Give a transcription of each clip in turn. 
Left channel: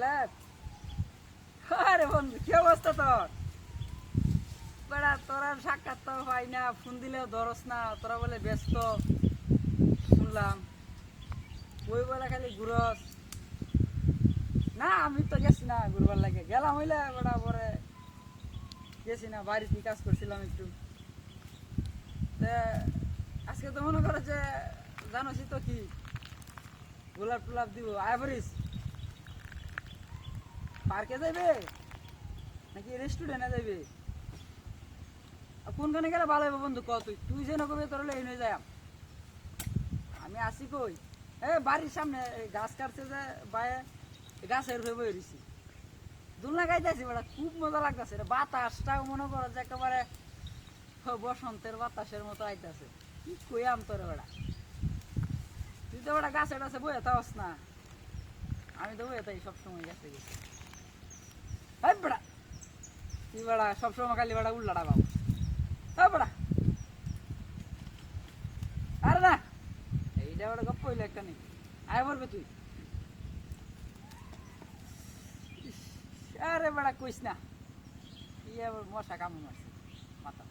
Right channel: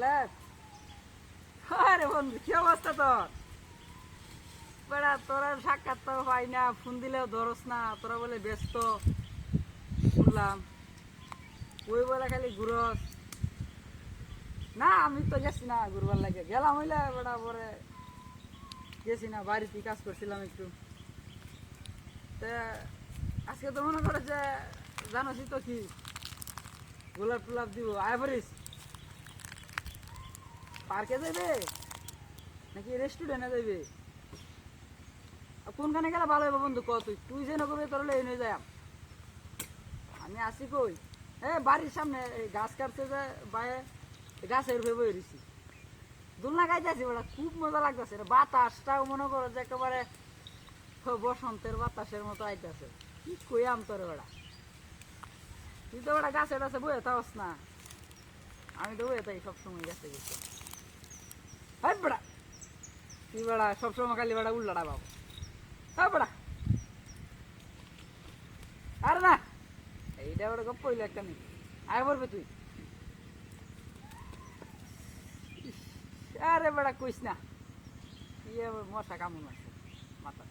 বলে আরে বন্ধু কি অবস্থা তোর? বেড়া তোরা সাক্ষাৎ তো পাই না, ফোন দিলেও ধরস না, তোরা বলে ব্যস্ত শুনলাম। ওই বলে খালি ঘুরস না। আমি তো গেছি না ঘুরবার লাগে, গেলাম হইলে বেড়া পরে গেছি না, বাড়িতে কাজ করছিলাম একটু। আজকে তো মনে করে যে জানোসই তো কি গোলাপ টোলাপ দিব আয় পড়িস। পার্কে যাবে নাকি রেস্টুরেন্টে যাবে? কোনখানে গেলে ভালো হবে বন্ধু কত? তুই যেন করে তোর এনে যায় আমি আসি কই? বাড়ির সামনে গাছ কাটছে যে বাইরে গাছের ভেবে বেরিয়েছি, দোলনা গাইতেছি বেড়া, খুব মজা লাগতেছে। বাতাসটাও মনে করো যে একেবারে বসন্তের বাতাসের মতো আইতেছে। কি কইয়াম তোর বেড়া, তুই তো বেড়া গাছে টাছে বয়ে থাকস না, আমি তো বয়ে থাকি সবসময় গাছে গেছে। হ্যাঁ বেড়া তুই বেড়া সবসময় খালি বেড়া উল্লাটা পাবো। হ্যাঁ বেড়া আরে না, এইটা ওটা গপ্প হইলো একটা নেই, আয় বলবে তুই। আরে বেড়া কইস না, কি মশা কামড় আছে মাথা।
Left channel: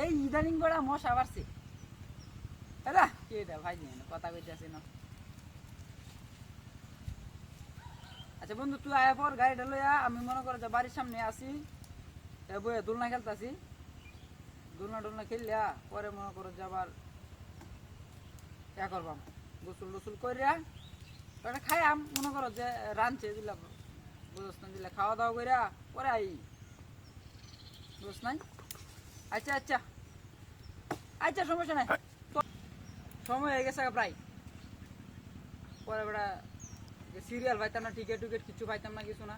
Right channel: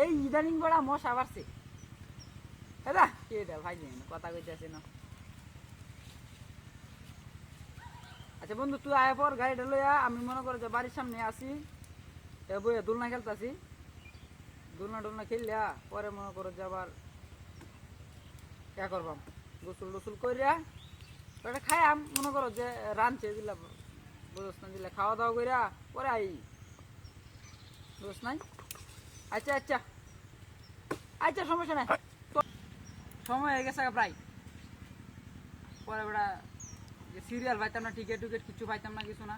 এই ইদানিং বেড়া মশা বাড়ছে। হ্যাঁ কে দা ভাই দিন কথা কইতে আছে না। আচ্ছা বন্ধু তুই আয় পর গাড়িটা লইয়া, আমি মনে করে যে বাড়ির সামনে আসি, বইয়ে দোলনা খেলতে আসি। দোলনা টোলনা খেললিয়া পরে মনে করো যে আবার করবাম, গোসল টোসল করিয়া ওটা খাই আম মনে করো যে রাঁধছে দিলাম বুঝস না, দিলে খাওয়া দাওয়া করিয়া পরে আই বুঝস নাই। আচ্ছা আচ্ছা আচ্ছা সমস্যা নাই, সময় হয়ে গেছে প্রায়। পরে বেড়া যে সিরিয়াল পাইতাম না, টিকিট টুকিট কিছু পাইতাম না, কিছু না।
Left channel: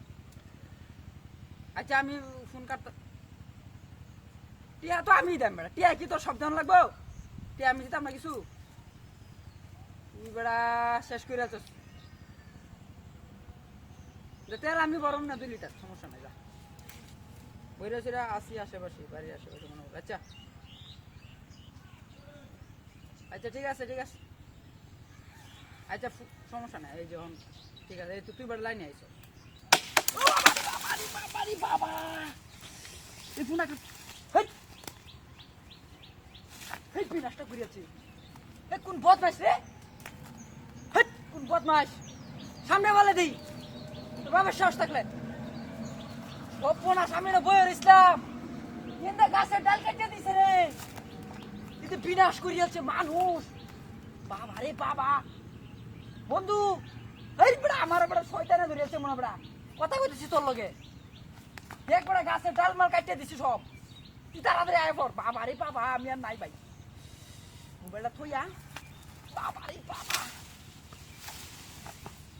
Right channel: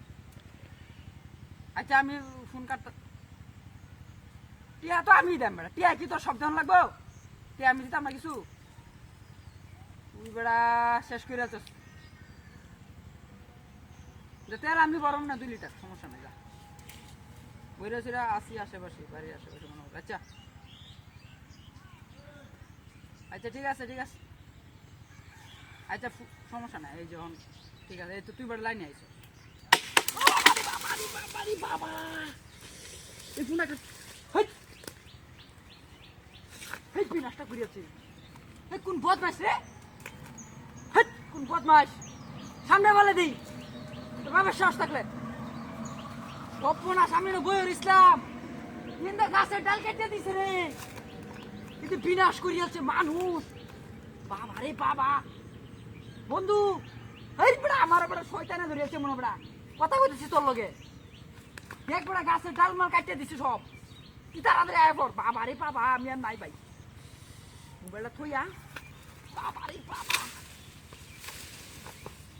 আচ্ছা আমি ফোন কাটতাম। টিয়া তো আমি দেন বেড়া, টিয়া কি তোর সব ধান লাগবো? টিয়া আমি দিতাম না কিছু, তুই বেড়া শেষ করে আছিস। তেল আমি বরং না 2 লিটার, সমস্যা নেই যা বইরা ছিল আসি আশেপাশে, বাড়ির আশেপাশে মনে হয়। আচ্ছা আচ্ছা ঠিক আছে ঠিক আছে, আচ্ছা সমস্যা নাই। এই যখন ঠিক আছে, এই তো তুই বেড়া লাইনে আইস। বাবা এই ফোনটা কি নষ্ট করিয়াছি? কোন বদমাস রে, কোন বদমাস সামনে বলে দিই বাবার সাহস থাকলে। সপনা সামনে বইয়ের ইসলাম কিন্তু গাছের ডাল কেটে দিছে রে, কিন্তু বিনাশ করিয়াছে মানুষ। বাবা রে বাবা বন্ধু, এই বড়া আমার বড় শয়তানে ধরিয়াছে মনে বড়া, কথা কইতেছি তোর লগে। দেখ বড়া গাছের ডাল মাল কাটতে দিছে সব, তুই তাড়াতাড়ি আয় পর। বাবা রে বাবা আমি আর নাই ভাই, মোবাইলটা থইয়া। বাবা রে বাবা